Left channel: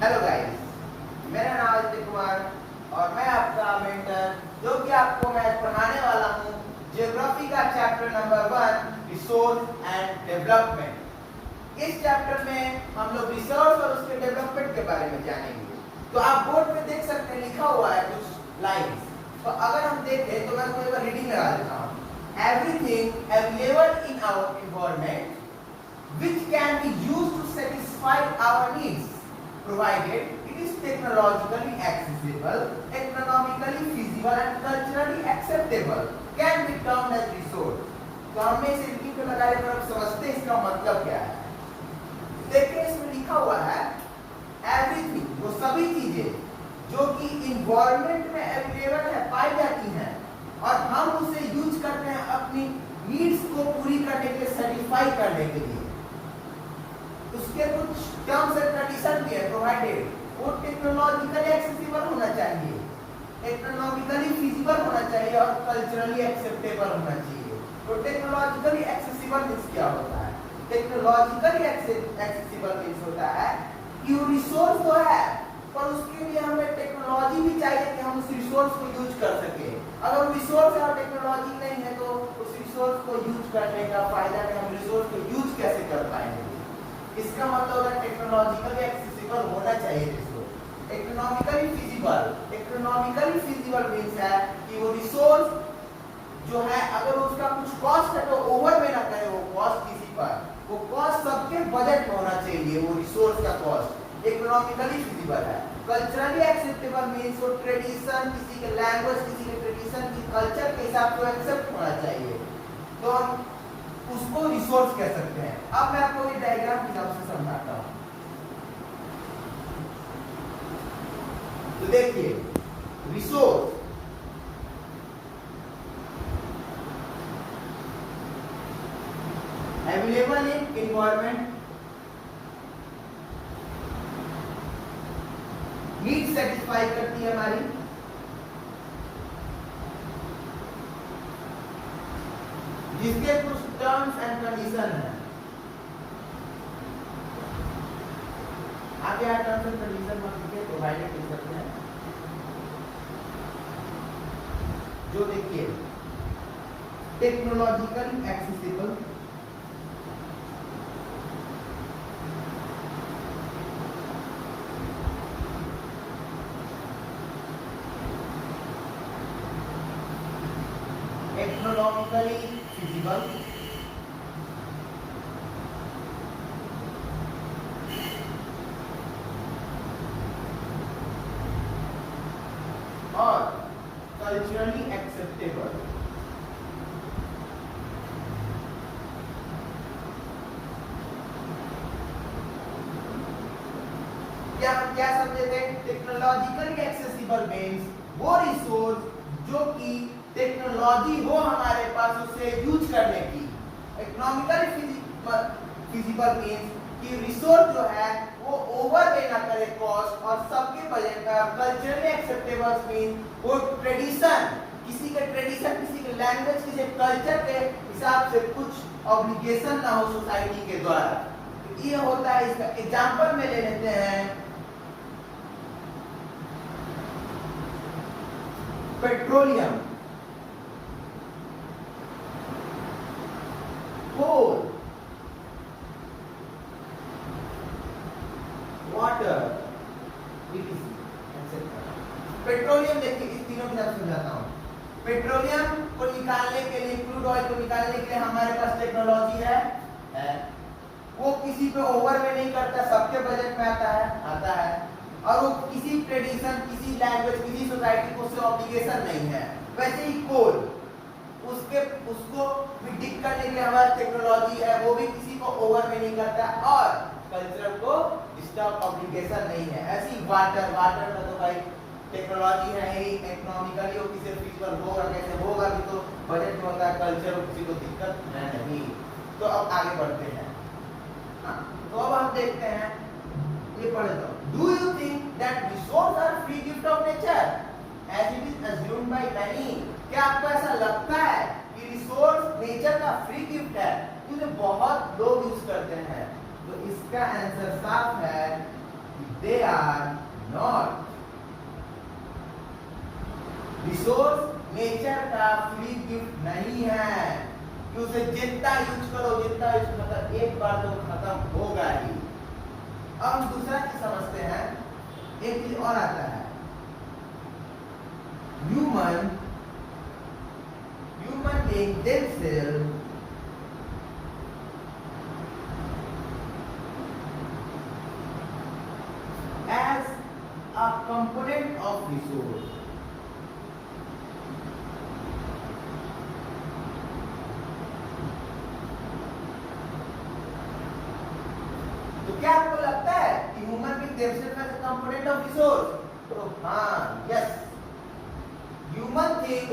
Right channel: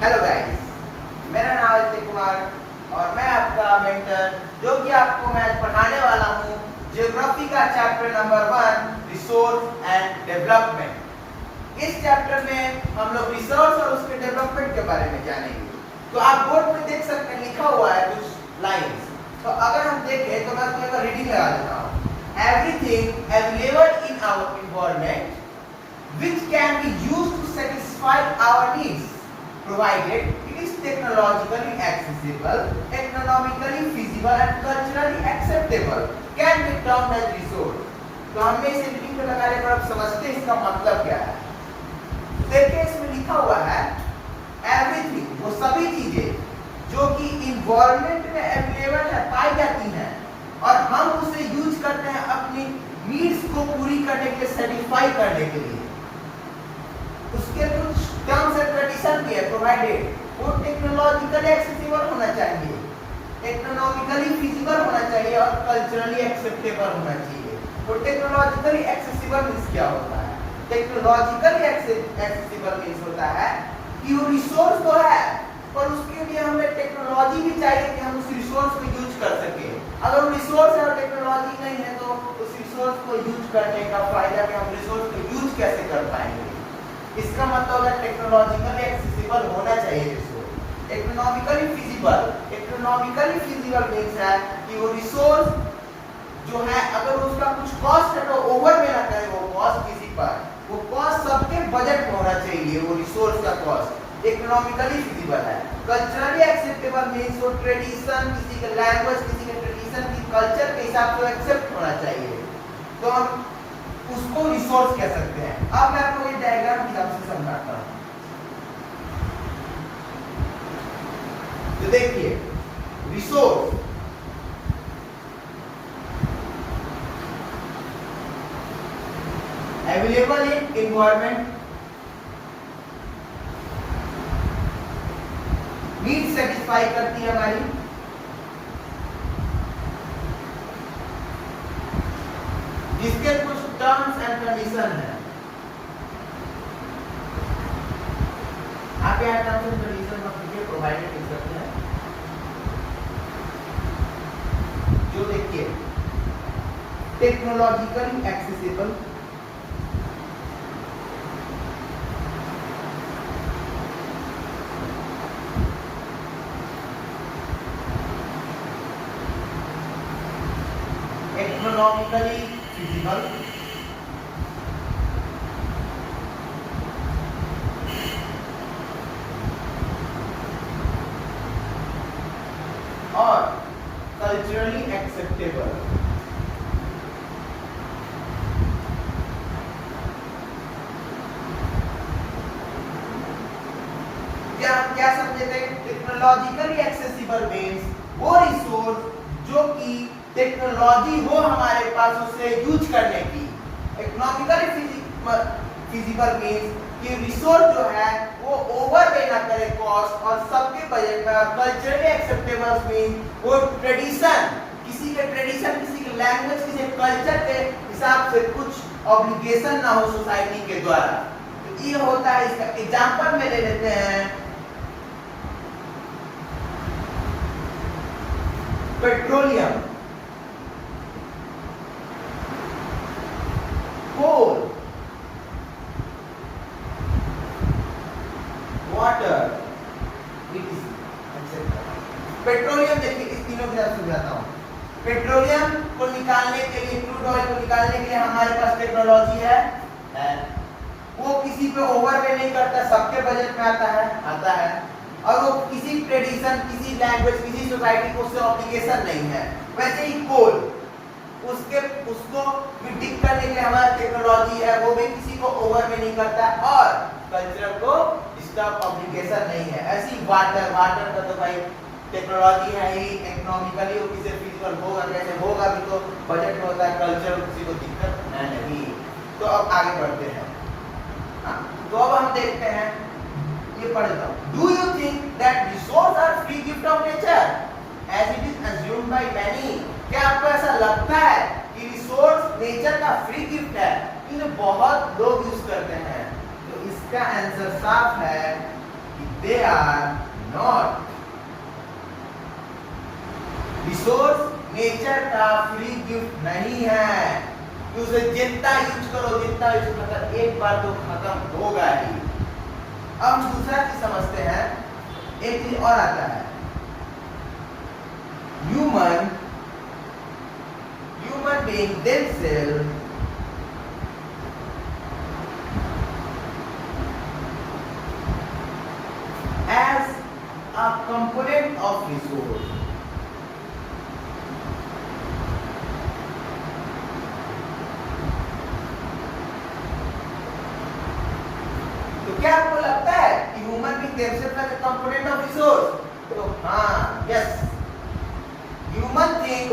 Hello guys, मेरा नाम है अजय कुमार और मैं आपका मेंटर जो कि आपको मैं पढ़ाने वाला हूँ ज्योग्राफी का chapter number 1 resource and development. इस चैप्टर में हम लोग रिसोर्स और उसके डेवलपमेंट के बारे में जानेंगे। तो आप बोर्ड में देख सकते हैं लिखा हुआ है कुछ लाइंस। तो अगर हम देखें तो मैं उसको एक बार रीडिंग लगा देता हूँ। Everything available in our environment which can be used to satisfy our needs, provided it is technologically accessible, economically feasible and culturally acceptable, can be termed as resource। तो हमने इसे रीडिंग पे लगाने पर अब समझते हैं इसका मतलब क्या है। देखिए इसमें लिखा हुआ है एवरीथिंग, वो सभी चीजें जो कि इन्वायरमेंट में अवेलेबल है, पाई जाती हैं और हम उसे यूज करते हैं अपनी नीड्स को पूरी करने के लिए, सेटिस्फाई करने के लिए। उसके कुछ टर्म्स एंड कंडीशन भी है। प्रोवाइडेड, वो टेक्नोलॉजिकली एक्सेसिबल होना चाहिए, इकोनॉमिकली फीजिबल होना चाहिए और कल्चरली एक्सेप्टेबल होना चाहिए। तो टेक्नोलॉजिकली एक्सेसिबल मींस क्या होता है? टेक्नोलॉजिकली एक्सेसिबल मींस होता है कि वो रिसोर्स तो है पर उसके लिए हमें टेक्नोलॉजी भी चाहिए कि हम उस रिसोर्स को यूज कर सके। अगर वो रिसोर्स है और टेक्नोलॉजी नहीं है तो उस रिसोर्स को यूज करने का फायदा कि हम रिसोर्स को यूज कैसे कर पाएंगे। इसका मतलब है टेक्नोलॉजिकली एक्सेसिबल होना चाहिए रिसोर्स। इकोनॉमिकली फिजिबल मींस है कि वो रिसोर्स जो है अगर उसका कुछ कॉस्ट है तो ओवर में ना करे वो कॉस्ट किसी पर, वो कॉस्ट सबके बजट में होना चाहिए, वो रिसोर्स का कॉस्ट इकोनॉमिकली फिजिबल है। कल्चरली एक्सेप्टेबल मींस वो ट्रेडिशन, किसी के लैंग्वेज, किसी के ट्रेडिशन की कल्चर के हिसाब से एक्सेप्ट होना चाहिए, तो हम उसको रिसोर्स कह सकते हैं। अब मैं आपको ये डायग्राम की मदद से समझाता हूं। तो देखिए resource available in environment, need satisfy करती है हमारी, जिसके कुछ टर्म्स एंड कंडीशन है। आप यहाँ टर्म्स एंड कंडीशन में देखिए प्रोवाइडेड लिख सकते हैं। जो देखिए टेक्नोलॉजिकली एक्सेसिबल, इकोनॉमिकली फिजिबल, और कल्चरली एक्सेप्टेबल। क्या समझे थे? टेक्नोलॉजिकली एक्सेसिबल मींस वो रिसोर्स जो कि टेक्नोलॉजी हो हमारे पास उसे यूज करने की। इकोनॉमिकली फिजिबल मींस कि रिसोर्स जो है वो ओवरवे ना करे कॉस्ट और सबके बजट में। कल्चरली एक्सेप्टेबल मींस वो ट्रेडिशन, किसी के ट्रेडिशन, किसी के लैंग्वेज, किसी के कल्चर के हिसाब से कुछ ऑब्लिगेशन ना हो सोसाइटी के द्वारा। तो ये होता है। इसका एग्जांपल में ले लेते हैं पेट्रोलियम, कोल, वाटर, पेट्रोलियम। देखिए इस तीनों की तरफ समझाता हूं। पेट्रोलियम को निकालने के लिए, क्रूड ऑयल को निकालने के लिए हमारे पास टेक्नोलॉजी है। वो किसी पे ओवरवे नहीं करता, सबके बजट में आता है और वो किसी ट्रेडिशन, किसी लैंग्वेज, किसी सोसाइटी को उससे ऑब्लिगेशन नहीं है। वैसे ही कोल, उसको भी डिग करने के लिए हमारा टेक्नोलॉजी है, वो भी किसी को ओवर में नहीं करता और कल्चर को इसका ऑब्लिगेशन नहीं है। ऐसी वाटर का तो भाई टेक्नोलॉजी है ही, इकोनॉमिकली वो किसी फीजिबल होगा, कैसे होगा भी तो बजट में होता है, कल्चर किसी को दिक्कत नहीं। तो अब आगे बढ़ते हैं। तो अब हम देखते हैं, ये पढ़ लेता हूं। Do you think that resource are free gift of nature as it is assumed by many? क्या आपको ऐसा लगता है कि रिसोर्स नेचर का फ्री गिफ्ट है, जिसे बहुत लोग यूज करते हैं? तो इसका आंसर साफ है कि they are not. Resource nature का फ्री गिफ्ट नहीं है कि उसे जितना यूज करो जितना यूज मतलब एक बार तो खत्म होगा ही। अब हम दूसरा चीज समझते हैं, एक चीज और आता है, human being themselves as a component of resource. तो क्या आपको लगता है कि human being themselves as a component of resource? तो हाँ, यस, ह्यूमन बीइंग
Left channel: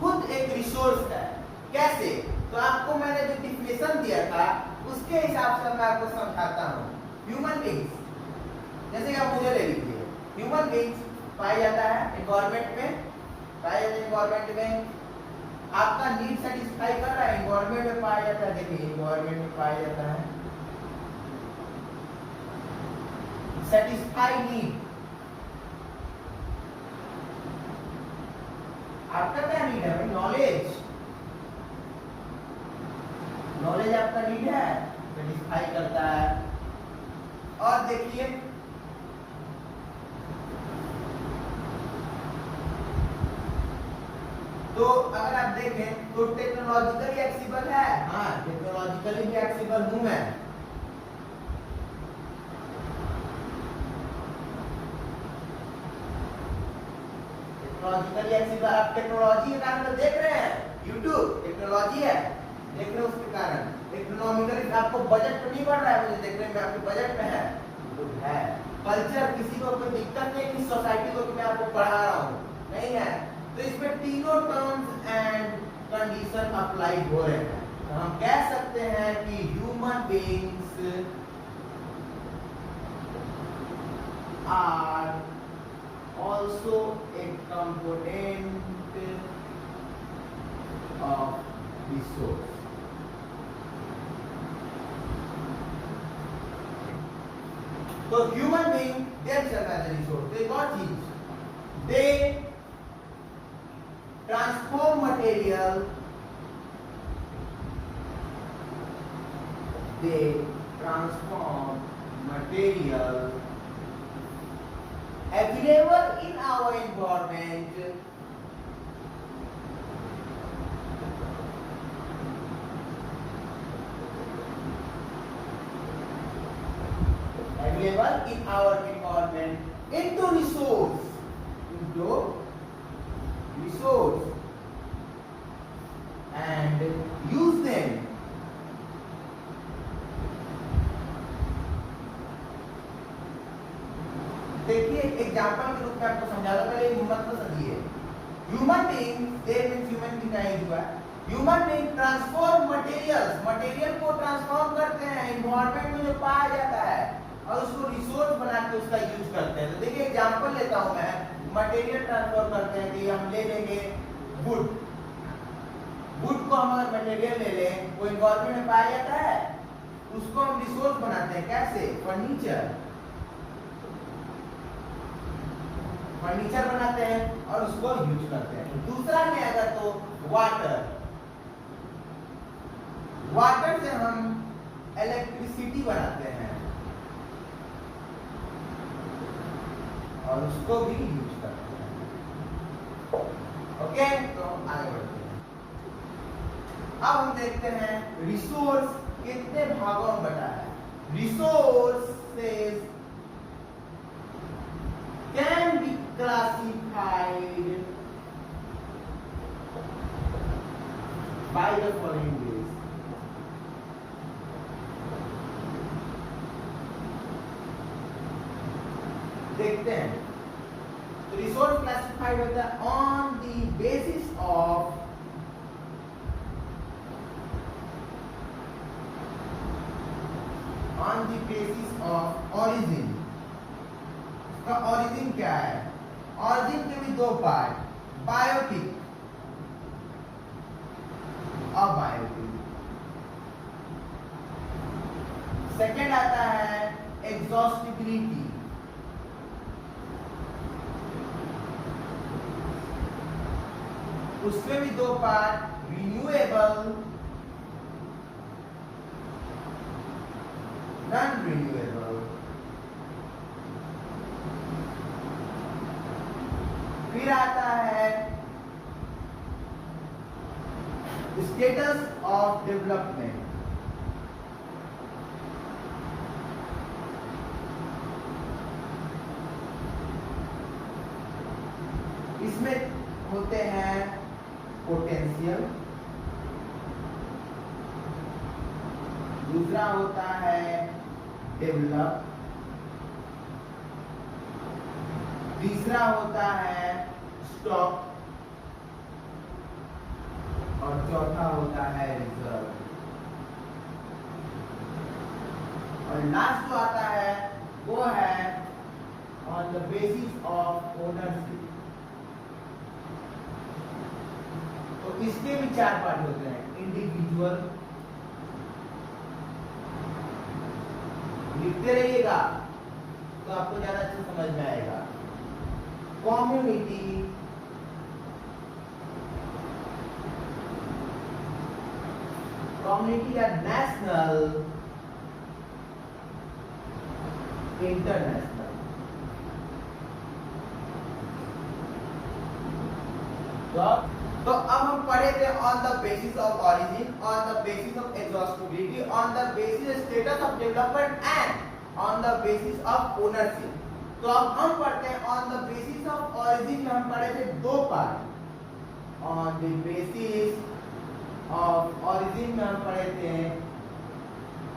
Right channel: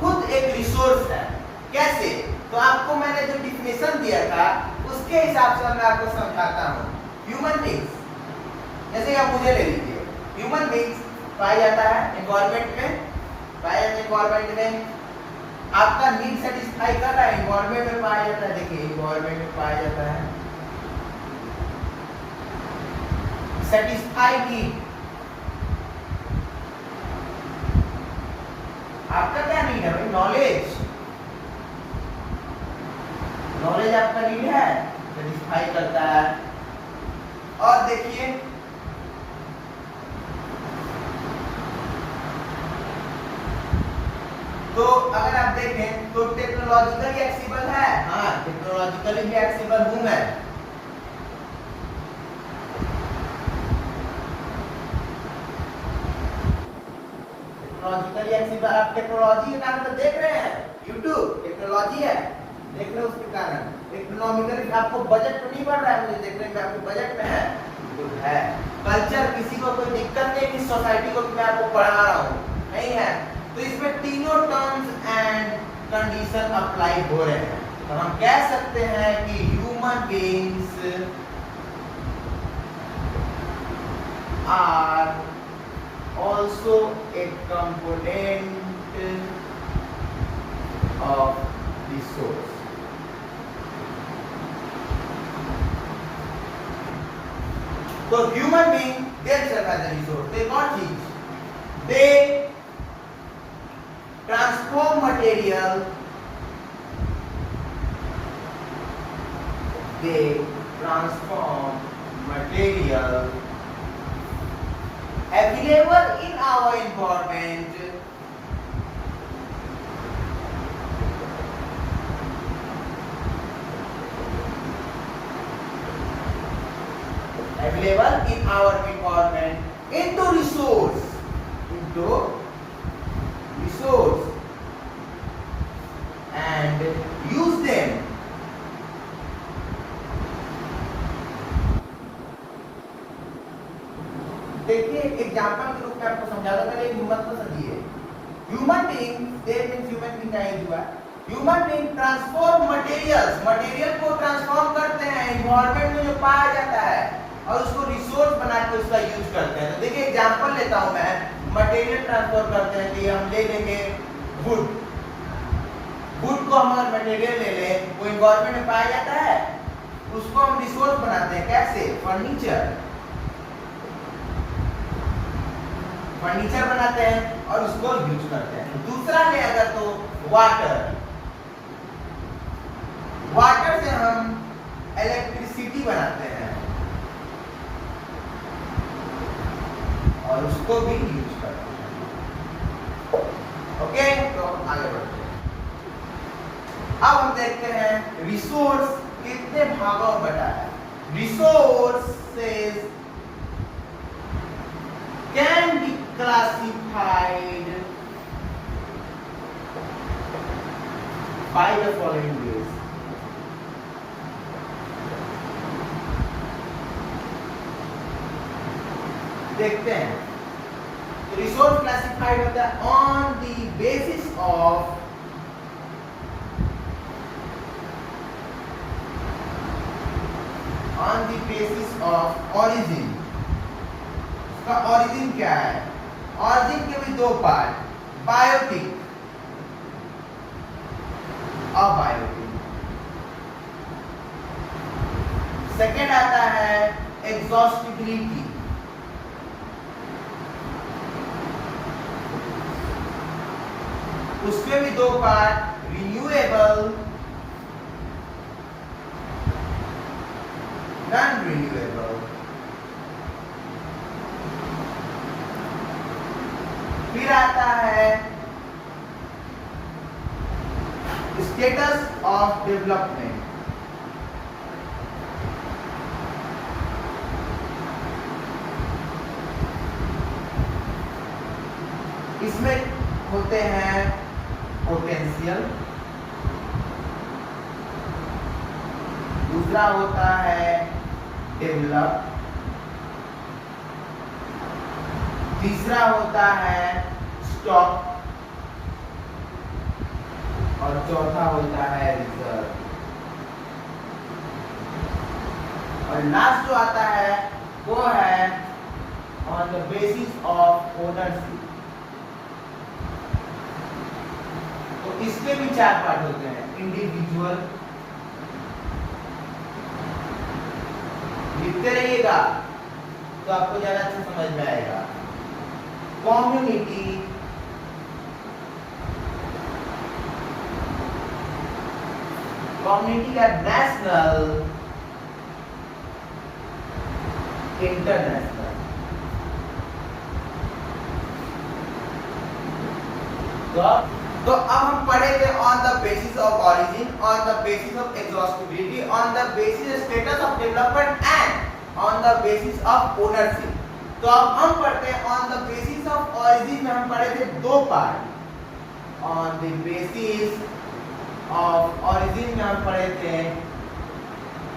खुद एक रिसोर्स है। कैसे? तो आपको मैंने जो डिफिनेशन दिया था उसके हिसाब से मैं आपको समझाता हूँ। ह्यूमन बीइंग्स, जैसे आप मुझे ले लीजिए, ह्यूमन बीइंग्स पाया जाता है एनवायरनमेंट में, पाया जाता है एनवायरनमेंट में, आपका नीड सेटिस्फाई कर रहा है, एनवायरनमेंट में पाया जाता है। देखिए एनवायरनमेंट में पाया जाता है सेटिस्फाई नीड। आपका क्या नीड है भाई? नॉलेज, नॉलेज आपका नीड है, सेटिस्फाई करता है। और देखिए तो अगर आप देखें तो टेक्नोलॉजिकली एक्सेसिबल है, हाँ टेक्नोलॉजिकली भी एक्सेसिबल हूं मैं। टेक्नोलॉजिकली एक्सेसिबल, आप टेक्नोलॉजी के कारण तो देख रहे हैं, यूट्यूब टेक्नोलॉजी है, देख रहे हैं उसके कारण। इकोनॉमिकली आपको बजट में नहीं बढ़ रहा है, मुझे देखने में आपके बजट में है, तो है। कल्चर, किसी को कोई दिक्कत नहीं कि सोसाइटी को मैं आपको पढ़ा रहा हूँ, नहीं है। तो इसमें तीनों टर्म्स एंड कंडीशन अप्लाई हो रहे हैं। तो हम कह सकते हैं कि human beings are also a component of resource. So human being themselves as a resource, they what things? They transform material, available in our environment into resource and use them देखिए एग्जांपल के रूप में आपको समझा दूं, पहले human को समझिए। ह्यूमन बीइंग, दे मींस ह्यूमन बीइंग का यूज हुआ, human being transform materials, material को ट्रांसफॉर्म करते हैं एनवायरनमेंट में जो पाया जाता है और उसको रिसोर्स बना के उसका यूज करते हैं। तो देखिए एग्जांपल लेता हूं मैं, मटेरियल ट्रांसफर करते हैं कि हम ले लेंगे वुड, वुड को हम अगर मटेरियल ले लें, वो एनवायरनमेंट में पाया जाता है, उसको हम रिसोर्स बनाते हैं। कैसे? फर्नीचर बनाते हैं और उसको यूज करते हैं। दूसरा ले अगर तो वाटर से हम इलेक्ट्रिसिटी बनाते हैं और उसको भी यूज करते हैं। ओके, तो आगे बढ़ते हैं। अब हम देखते हैं रिसोर्स कितने भागों में बटा है। Resources can be classified by the following ways. देखते हैं रिसोर्स क्लासिफाइड होता है on the basis of origin. उसका ओरिजिन क्या है? ऑरिजिन के भी दो पार्ट, बायोटिक और बायोटिक। सेकेंड आता है exhaustibility. उसमें भी दो पार्ट, रिन्यूएबल, नॉन रिन्यूएबल। फिर आता है स्टेटस ऑफ डेवलपमेंट। इसमें होते हैं पोटेंशियल, दूसरा होता है डेवलप, तीसरा होता है स्टॉक और चौथा होता है रिजर्व। और लास्ट जो आता है वो है on the basis of ownership. तो इसके भी चार पार्ट होते हैं, इंडिविजुअल, लिखते रहिएगा तो आपको ज्यादा अच्छा समझ में आएगा, कम्युनिटी, कम्युनिटी का नेशनल, इंटरनेशनल। तो अब हम पढ़े थे on the basis of origin, on the basis of exhaustibility, on the basis status of development and on the basis of ownership. तो अब हम पढ़ते हैं on the basis of origin में हम पढ़े थे दो part. On the basis of origin में हम पढ़े थे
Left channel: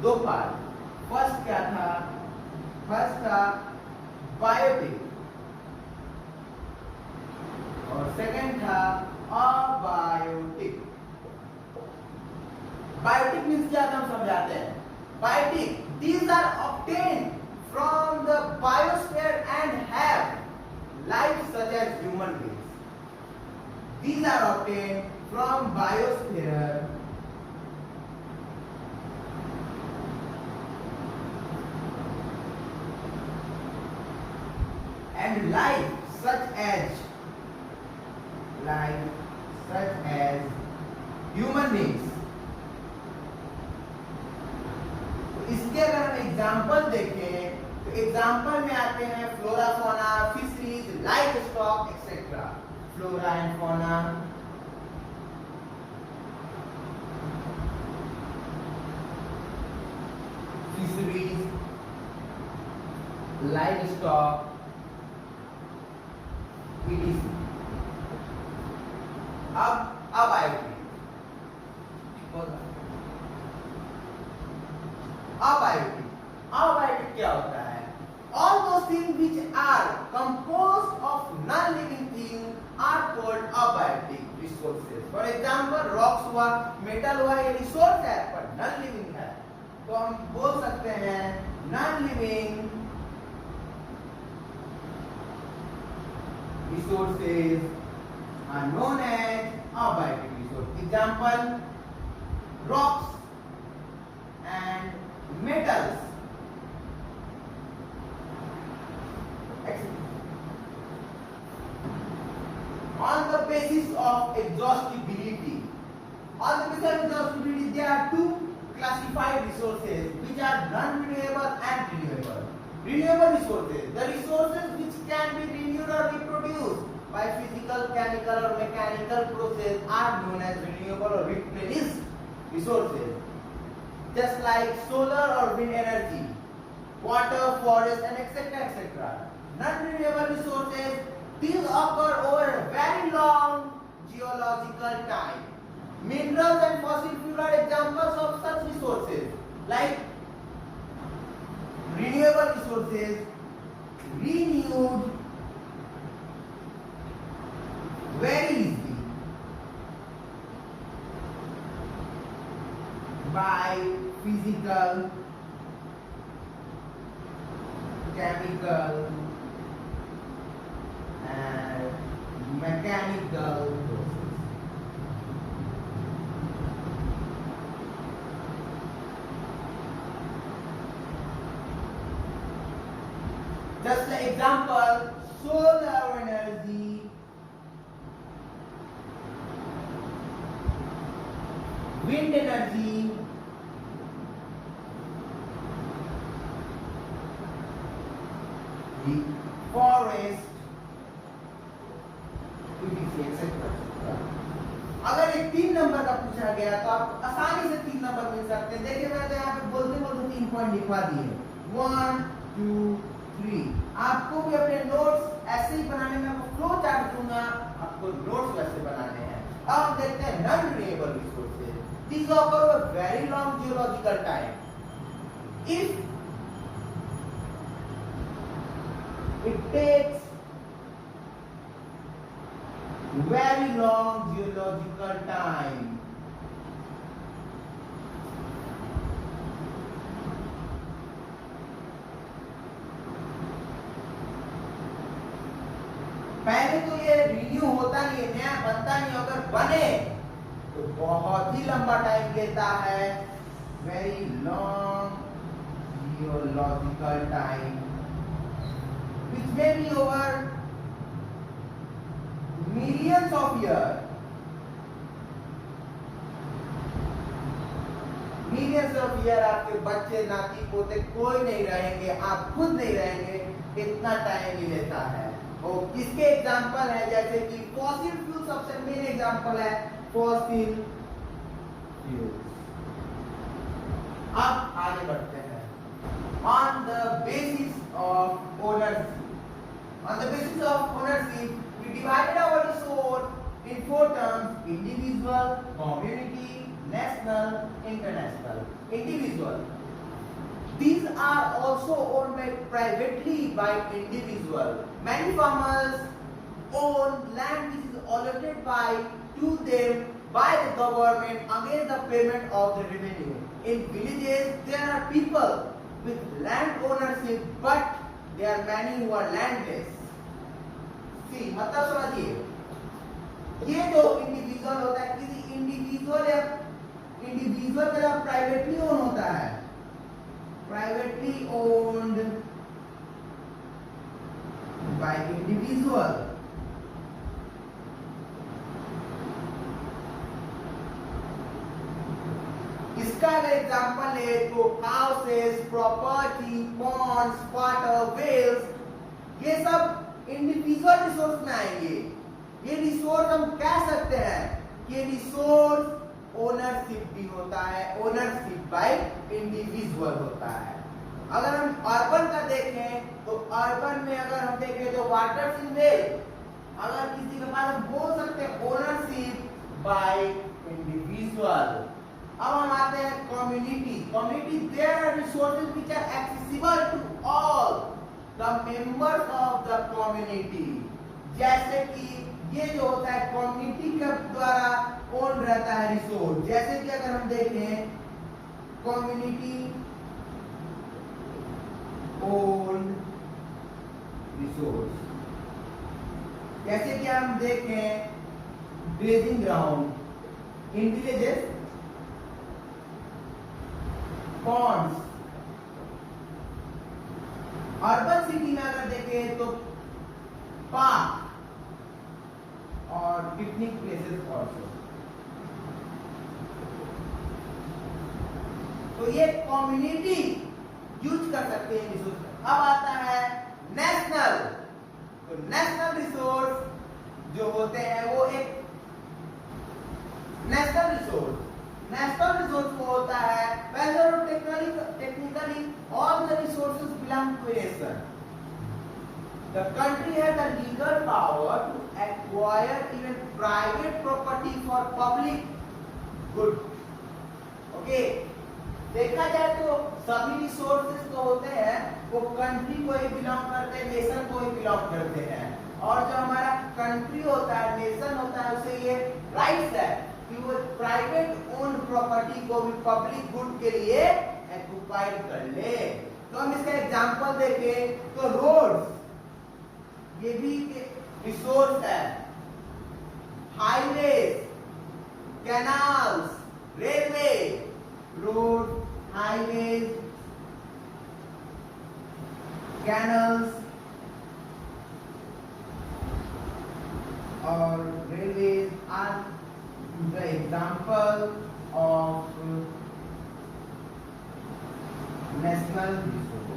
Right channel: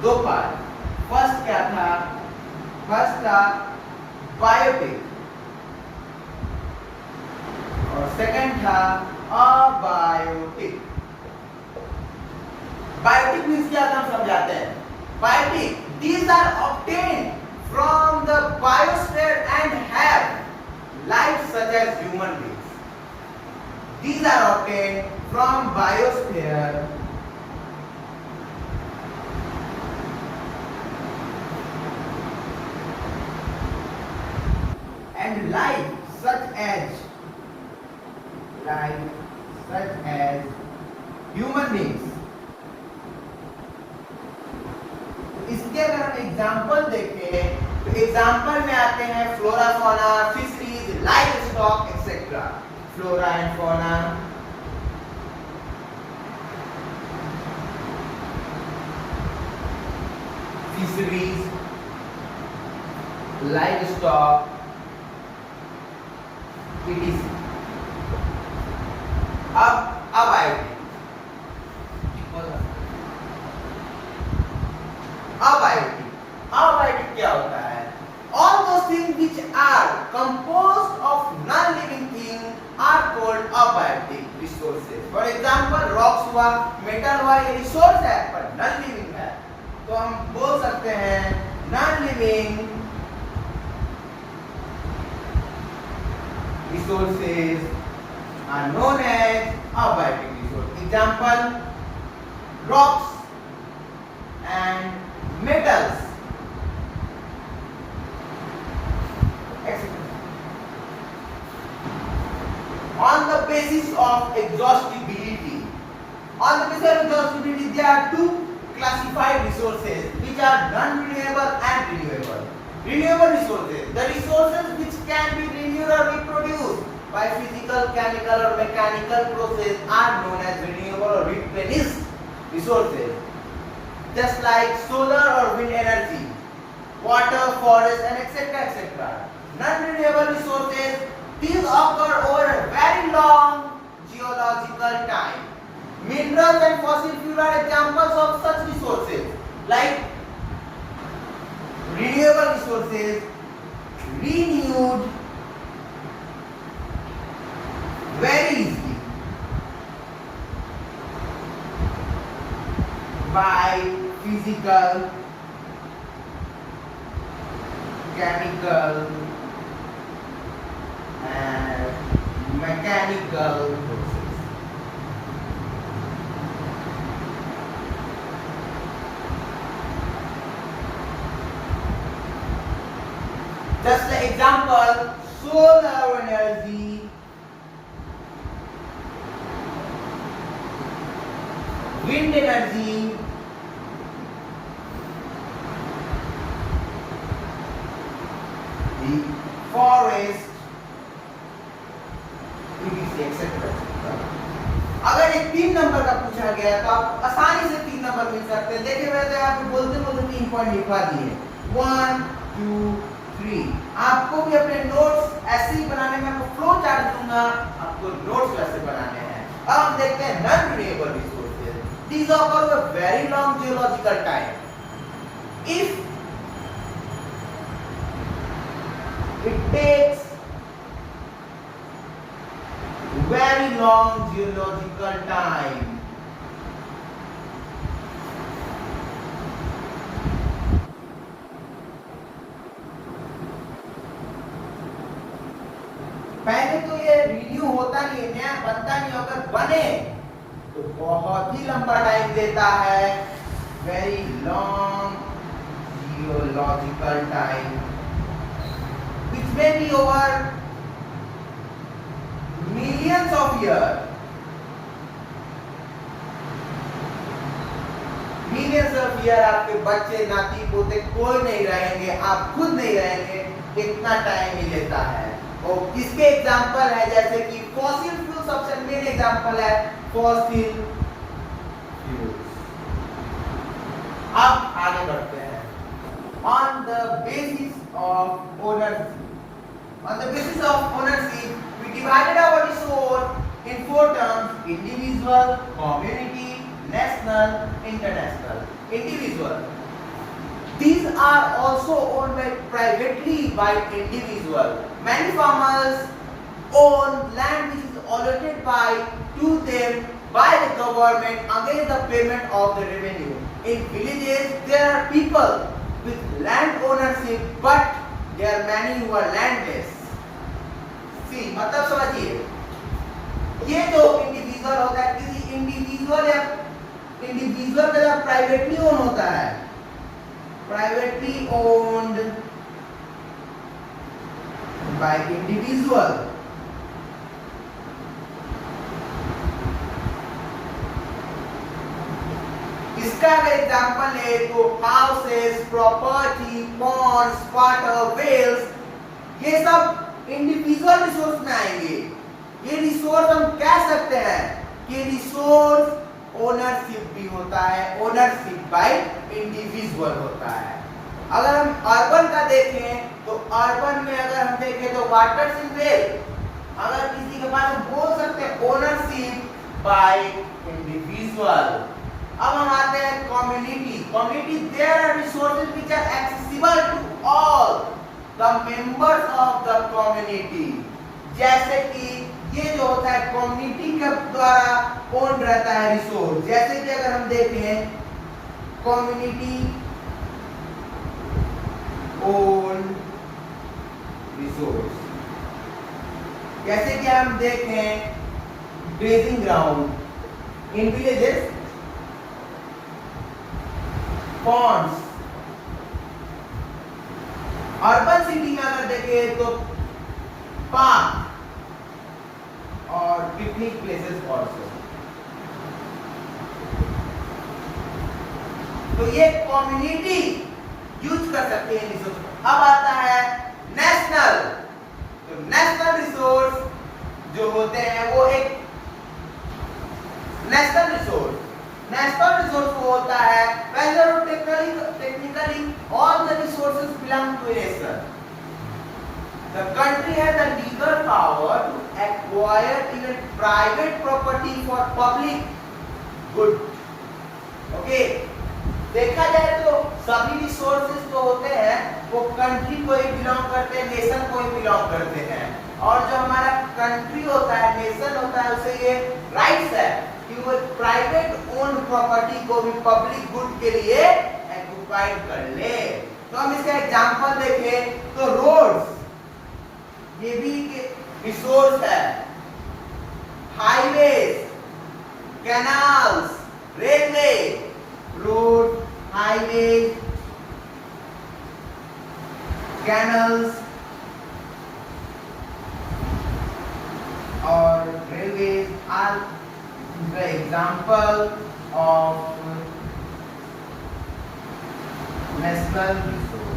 दो पार्ट। फर्स्ट क्या था? फर्स्ट था बायोटिक और सेकंड था अबायोटिक। बायोटिक मींस क्या हम समझाते हैं। Biotic, these are obtained from the biosphere and have life such as human beings. These are obtained from biosphere and life such as human beings. इसके अगर हम एग्जाम्पल देखें तो एग्जाम्पल में आते हैं flora, fauna, fisheries, live stock etcetera. Flora and fauna, fisheries, live stock, etc. अब aortic. Abiotic क्या होता है? All those things which are composed of non-living things are called abiotic resources. For example, rocks हुआ, metal हुआ, ये resource है पर non-living है, तो हम बोल सकते हैं non-living resources are known as abiotic resources. Example, rocks and metals. On the basis of exhaustibility, there are two classified resources which are non-renewable and renewable. Renewable resources, the resources which can be renewed or reproduced by physical, chemical or mechanical process are known as renewable or replenished resources. Just like solar or wind energy, water, forest and etc. Non-renewable resources, these occur over a very long geological time. Minerals and fossil fuel are examples of such resources. Like renewable resources, renewed very easily by physical, chemical and mechanical process. Just like example, solar energy, wind energy, the forest, etc. अगर ये 3 number का पूछा गया तो आप आसानी से 3 number मिल सकते हैं। देखिए मैं तो यहाँ पे बोलते बोलते 3 पॉइंट लिखवा दिए, 1 2 3। आपको भी अपने नोट्स ऐसे ही बनाने में आपको फ्लो चार्ट दूंगा, आपको नोट्स वैसे बनाने हैं। अब हम देखते हैं non renewable resources. These occur over a very long geological time. If it takes very long geological time, पहले तो ये रिन्यू होता नहीं है, नया बनता नहीं, अगर बने तो बहुत ही लंबा टाइम देता है, very long geological time, which may be over millions of years. Millions of year आपके बच्चे नाती पोते कोई नहीं रहेंगे, आप खुद नहीं रहेंगे, इतना टाइम ही लेता है। और इसके एग्जांपल है जैसे कि फॉसिल फ्यूल, सबसे मेन एग्जांपल है फॉसिल फ्यूल्स। अब आगे बढ़ते हैं। On the basis of ownership, on the basis of ownership, we divided our resource in 4 terms: individual, community, national, international. Individual, these are also owned by privately by individual. Many farmers own land which is allotted by to them by the government against the payment of the revenue. In villages there are people with land ownership, but there are many who are landless. See, मतलब समझिए, ये जो individual होता है, किसी individual या individual का जब प्राइवेटली ओन होता है, प्राइवेटली ओन्ड बाय इंडिविजुअल, इसका अगर एग्जांपल ले तो houses, property, ponds, water, wells, ये सब इंडिविजुअल रिसोर्स में आएंगे। ये रिसोर्स हम कह सकते हैं कि रिसोर्स ओनरशिप भी होता है, ओनरशिप बाय इंडिविजुअल होता है। अगर हम अर्बन का देखें तो अर्बन में अगर हम देखें तो वाटर वेल, अगर किसी के पास बोल सकते हैं ओनरशिप बाय इंडिविजुअल। अब हम आते हैं community. Community, there are resources which are accessible to all the members of the community. जैसे कि ये जो होता है कम्युनिटी के द्वारा ओन रहता है रिसोर्स। जैसे कि अगर हम देखें कम्युनिटी ओन रिसोर्स, जैसे कि हम देखें grazing ground in villages, ponds. Urban city में अगर देखें तो पार्क और पिकनिक प्लेसेस ऑल्सो। तो ये कम्युनिटी यूज कर सकते हैं रिसोर्स। अब आता है नेशनल। तो नेशनल रिसोर्स जो होते हैं वो एक नेशनल रिसोर्स वो होता है whether technically all the resources belong to a nation. The country has the legal power to acquire even private property for public good. Okay, देखा जाए तो सभी रिसोर्सेज जो होते हैं वो कंट्री को ही बिलोंग करते हैं, नेशन को ही बिलोंग करते हैं। और जो हमारा कंट्री होता है, नेशन होता है, उसे ये राइट्स है कि वो प्राइवेट ओन्ड प्रॉपर्टी को भी पब्लिक गुड के लिए एक्वायर कर ले। तो हम इसका एग्जांपल देखें तो रोड्स, ये भी रिसोर्स है, highways, canals, railway, road, highways, canals, example of national resource.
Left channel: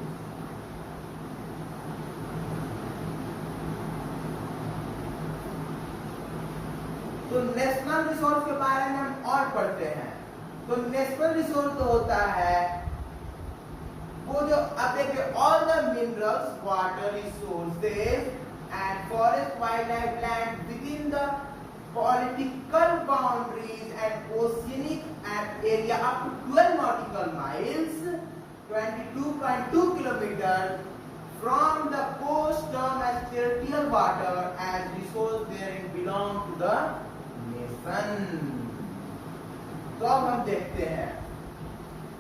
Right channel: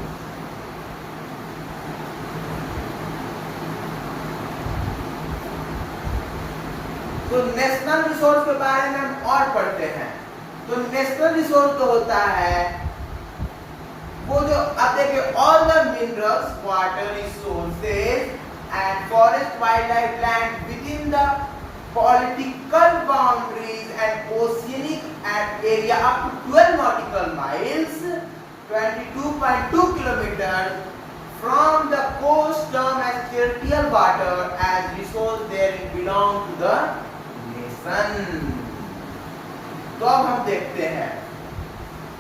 तो नेशनल रिसोर्स के बारे में हम और पढ़ते हैं। तो नेशनल रिसोर्स तो होता है वो जो आप देखिए all the minerals, water resources and forest, wild life, land with in the political boundaries and oceanic area up to 12 nautical miles, 22.2 kilometers from the coast term as territorial water as resource therein belong to the nation. तो अब हम देखते हैं,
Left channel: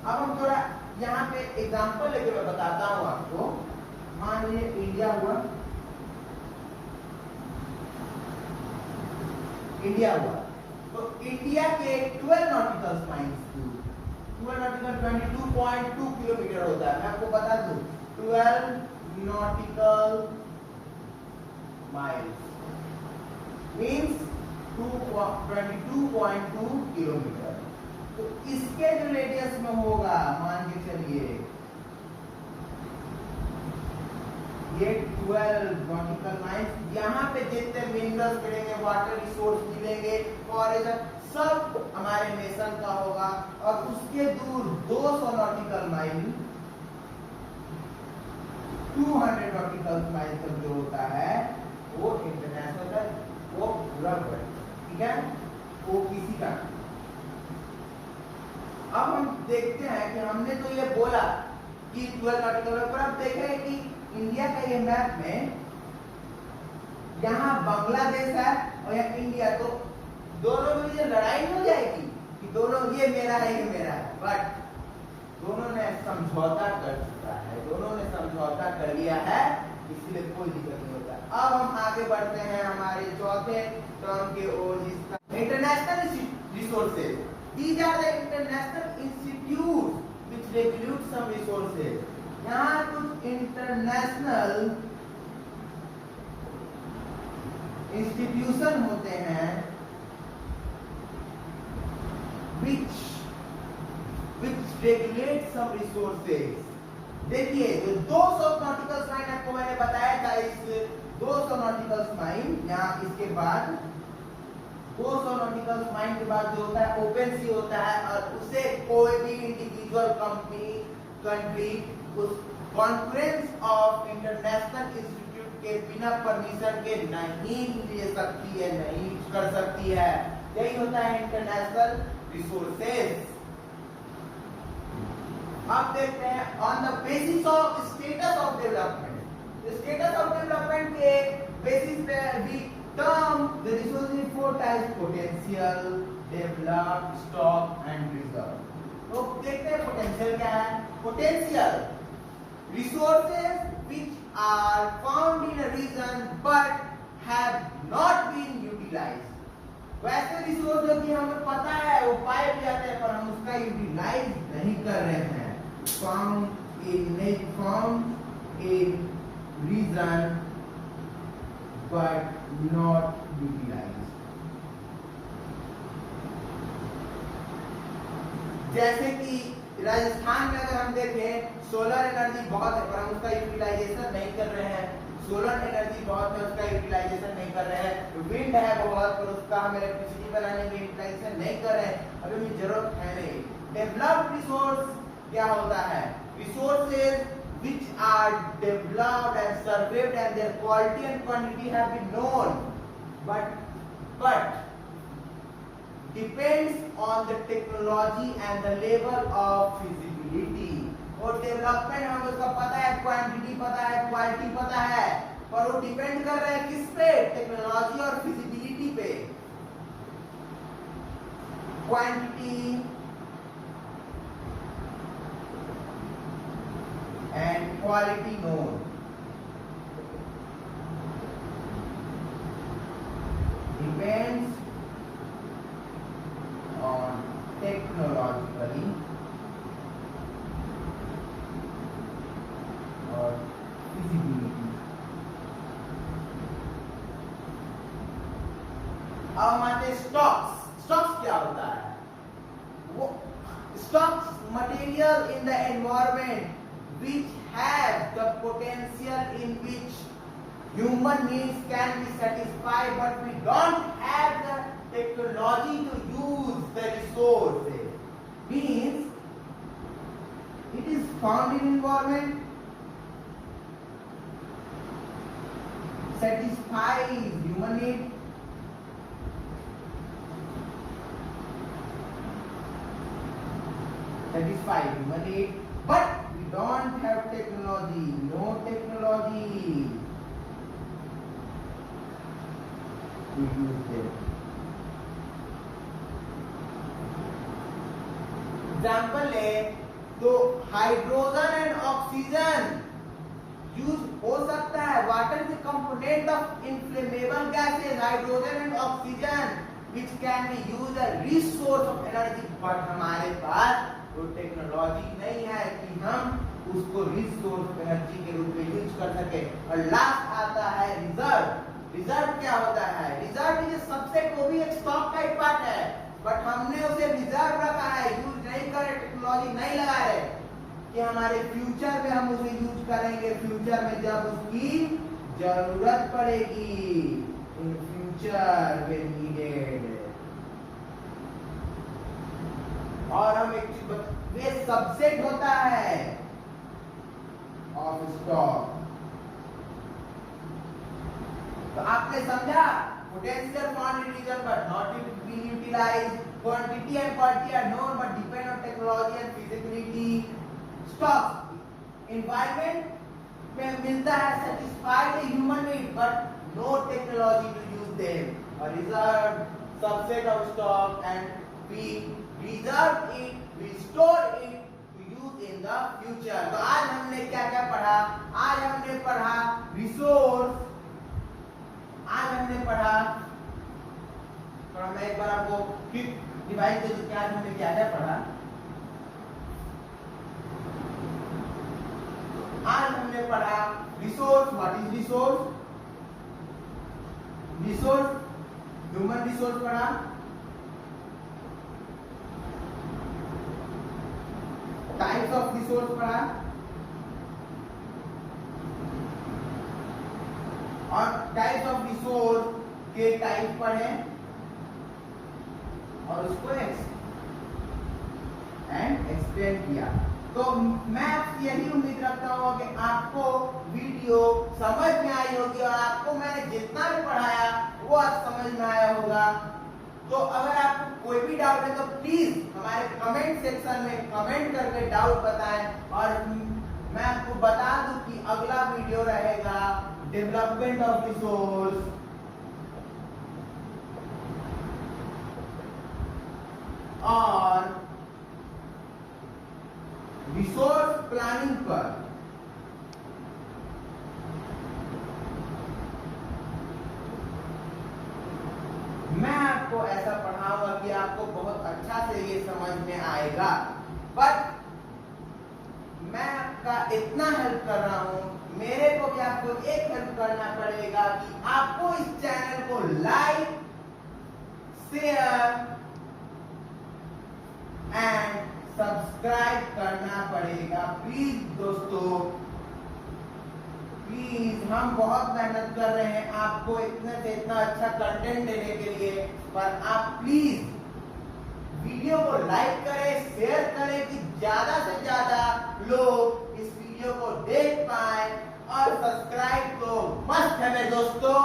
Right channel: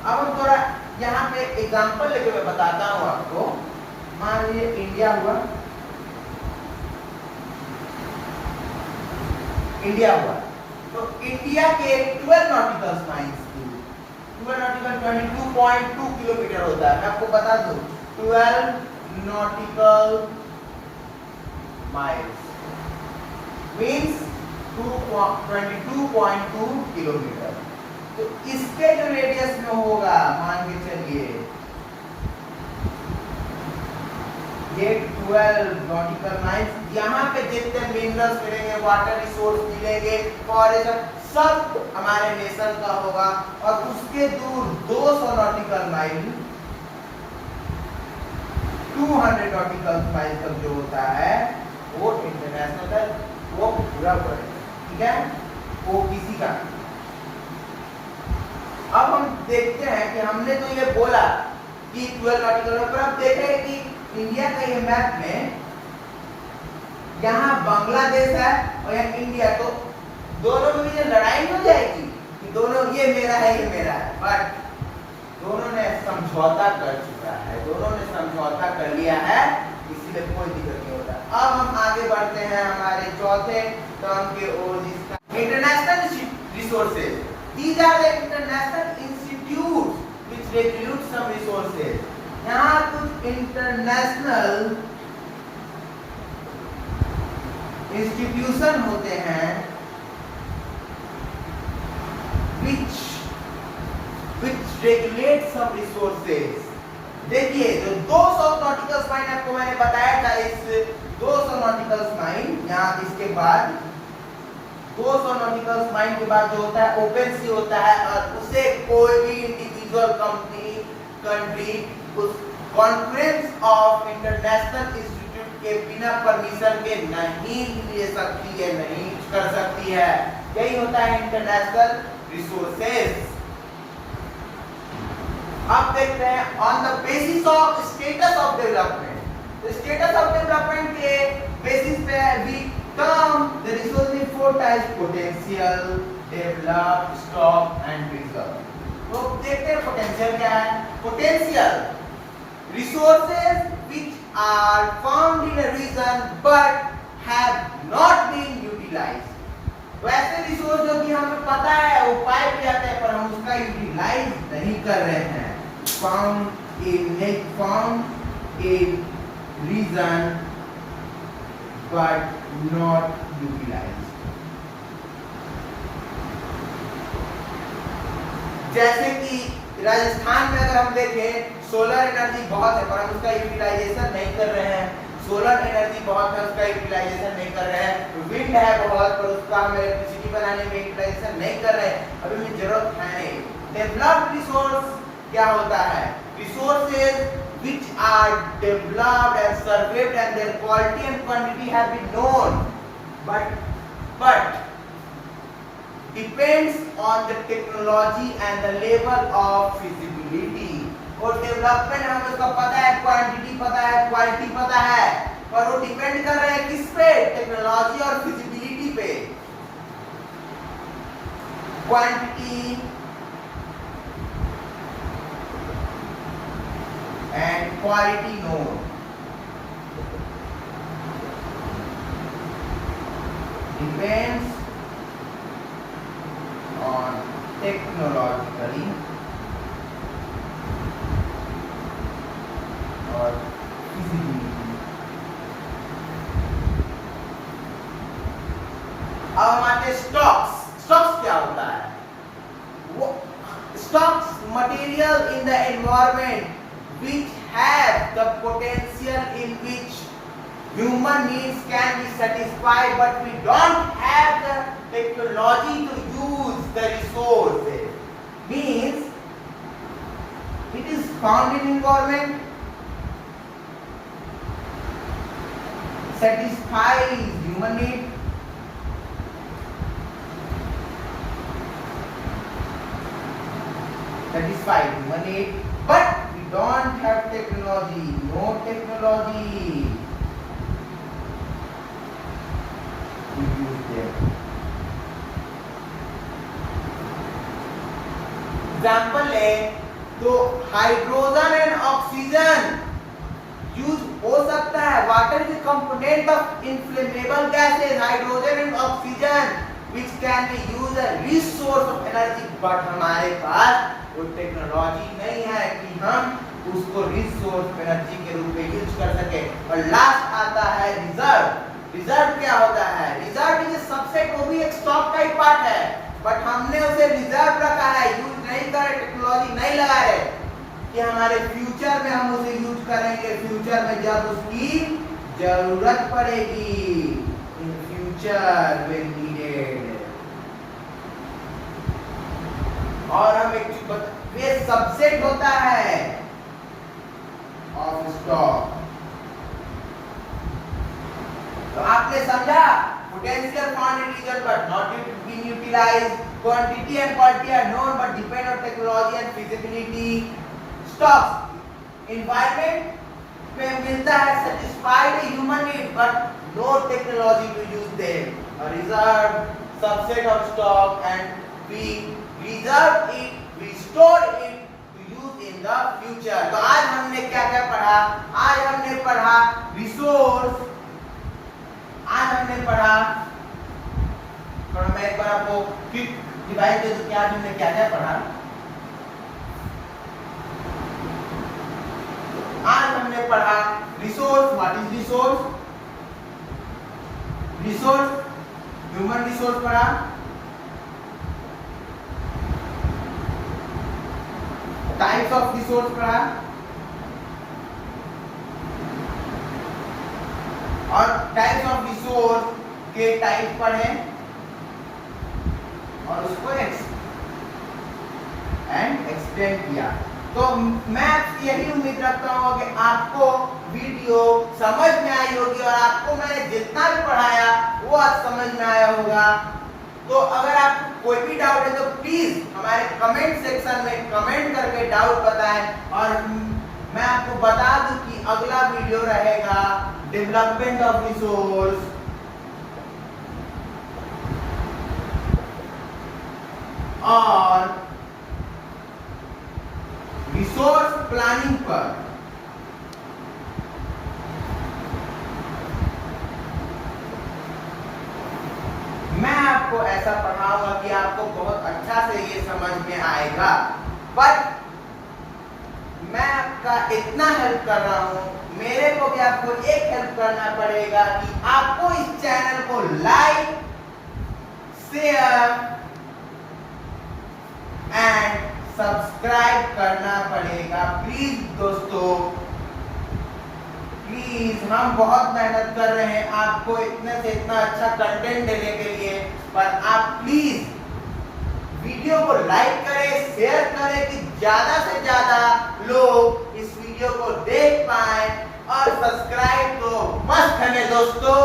अब हम थोड़ा यहाँ पे एग्जांपल लेके मैं बताता हूँ आपको। मान लीजिए इंडिया हुआ, इंडिया हुआ, तो इंडिया के 12 नॉटिकल माइल्स, 12 नॉटिकल 22.2 किलोमीटर होता है। मैं आपको बता दूं 12 नॉटिकल माइल्स मींस 22.2 किलोमीटर। तो इसके जो रेडियस में होगा, मान के चलिए ये 12 नॉटिकल माइल्स, यहाँ पे जितने मिनरल्स मिलेंगे, वाटर रिसोर्स मिलेंगे, फॉरेस्ट, सब हमारे नेशन का होगा। और उसके दूर 200 नॉटिकल माइल, 200 नॉटिकल माइल तक जो होता है वो इंटरनेशनल है, वो पूरा पड़ेगा, ठीक है, वो किसी का। अब हम देखते हैं कि हमने तो ये बोला कि 12 नॉटिकल, पर अब देखें कि इंडिया का ये मैप में यहाँ बांग्लादेश है और यहाँ इंडिया, तो दोनों में ये लड़ाई हो जाएगी कि दोनों ये मेरा है ये मेरा है, बट दोनों ने समझौता कर चुका है, दोनों ने समझौता कर लिया है, इसलिए कोई दिक्कत नहीं होता। अब हम आगे बढ़ते हैं हमारे चौथे टर्म के ओर, जिसका international resources. These are the international institute which regulate some resources. यहाँ कुछ इंटरनेशनल इंस्टीट्यूशन होते हैं which regulate some resources। देखिए जो 200 नॉटिकल माइल आपको मैंने बताया था, इस 200 नॉटिकल माइल, यहाँ इसके बाद 200 नॉटिकल माइल के बाद जो होता है ओपन सी होता है, और उसे कोई भी इंडिविजुअल कंपनी, कंट्री उस कॉन्फ्रेंस ऑफ इंटरनेशनल इंस्टीट्यूट के बिना परमिशन के नहीं ले सकती है, नहीं कर सकती है। यही होता है इंटरनेशनल रिसोर्सेज। अब देखते हैं on the basis of status of development. Status of development के बेसिस पे we term the resource in 4 types: potential, developed, stock and reserve. तो देखते हैं पोटेंशियल क्या है। Potential resources which are found in a region but have not been utilized। तो ऐसे resource जो कि हमें पता है वो पाए भी जाते हैं, पर हम उसका यूटिलाइज नहीं कर रहे हैं। found in a region but not utilized। जैसे कि राजस्थान में अगर हम देखें, सोलर एनर्जी बहुत है पर हम उसका यूटिलाइजेशन नहीं कर रहे हैं। सोलर एनर्जी बहुत है, उसका यूटिलाइजेशन नहीं कर रहे हैं। विंड है बहुत, पर उसका हम इलेक्ट्रिसिटी बनाने में यूटिलाइजेशन नहीं कर रहे हैं, अभी हमें जरूरत है नहीं। डेवलप्ड रिसोर्स क्या होता है? Resources which are developed and surveyed and their quality and quantity have been known but depends on the technology and the level of feasibility। और डेवलपमेंट हमें उसका पता है, क्वांटिटी पता है, क्वालिटी पता है, पर वो डिपेंड कर रहे हैं किस पे? टेक्नोलॉजी और फिजिबिलिटी पे। Quantity and quality known. Depends on technologically और feasibility। अब हमारे स्टॉक्स क्या होता है? वो stocks material in the environment which have the potential in which human needs can be satisfied, but we don't have the technology to use the resources. Means it is found in environment, satisfies human need, but we don't have technology, no technology to use them. Example ले तो hydrogen and oxygen use हो सकता है. Water is component of inflammable gases, hydrogen and oxygen which can be used as resource of energy, but हमारे पास वो technology नहीं है कि हम उसको रिसोर्स एनर्जी के रूप में यूज कर सके. और लास्ट आता है रिजर्व. रिजर्व क्या होता है? रिजर्व इज सबसेट, वो भी एक स्टॉक का ही पार्ट है, बट हमने उसे रिजर्व रखा है, यूज नहीं कर रहे, टेक्नोलॉजी नहीं लगा रहे कि हमारे फ्यूचर में हम उसे यूज करेंगे. फ्यूचर में जब उसकी जरूरत पड़ेगी, इन फ्यूचर व्हेन नीडेड. और हम एक वे सबसेट होता है ऑफ स्टॉक. तो आपने समझा, potential found in region but not being utilised, quantity and quality are known but depend on technology and feasibility. Stocks environment में मिलता है, satisfied human need but no technology to use them. A reserve subset of stock and we reserve it, we store it to use in the future. तो आज हमने क्या क्या पढ़ा? आज हमने पढ़ा रिसोर्स. आज हमने पढ़ा, और मैं एक बार आपको क्विक डिवाइस दे दूं कि आज हमने क्या क्या पढ़ा. आज हमने पढ़ा resource. What is resource? Resource human resource पढ़ा, टाइप्स ऑफ रिसोर्स पढ़ा, और टाइप्स ऑफ रिसोर्स के टाइप पढ़े और उसको एक्सप्लेन किया. तो मैं यही उम्मीद रखता हूँ कि आपको वीडियो समझ में आई होगी और आपको मैंने जितना भी पढ़ाया वो आज समझ में आया होगा. तो अगर आपको कोई भी डाउट है तो प्लीज हमारे कमेंट सेक्शन में कमेंट करके डाउट बताएं. और मैं आपको बता दूं कि अगला वीडियो रहेगा डेवलपमेंट ऑफ रिसोर्स और रिसोर्स प्लानिंग पर. मैं आपको ऐसा पढ़ाऊंगा कि आपको बहुत अच्छा से ये समझ में आएगा. बट मैं आपका इतना हेल्प कर रहा हूं, मेरे को भी आपको एक हेल्प करना पड़ेगा कि आपको इस चैनल को लाइक, शेयर एंड सब्सक्राइब करना पड़ेगा. प्लीज दोस्तों, प्लीज. हम बहुत मेहनत कर रहे हैं आपको इतने से इतना अच्छा कंटेंट देने के लिए, पर आप प्लीज वीडियो को लाइक करें, शेयर करें कि ज्यादा से ज्यादा लोग इस वीडियो को देख पाए, और सब्सक्राइब तो मस्त है मेरे दोस्तों.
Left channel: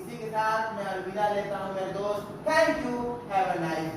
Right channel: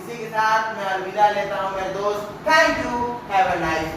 इसी के साथ मैं अलविदा लेता हूं मेरे दोस्त. Thank you. Have a nice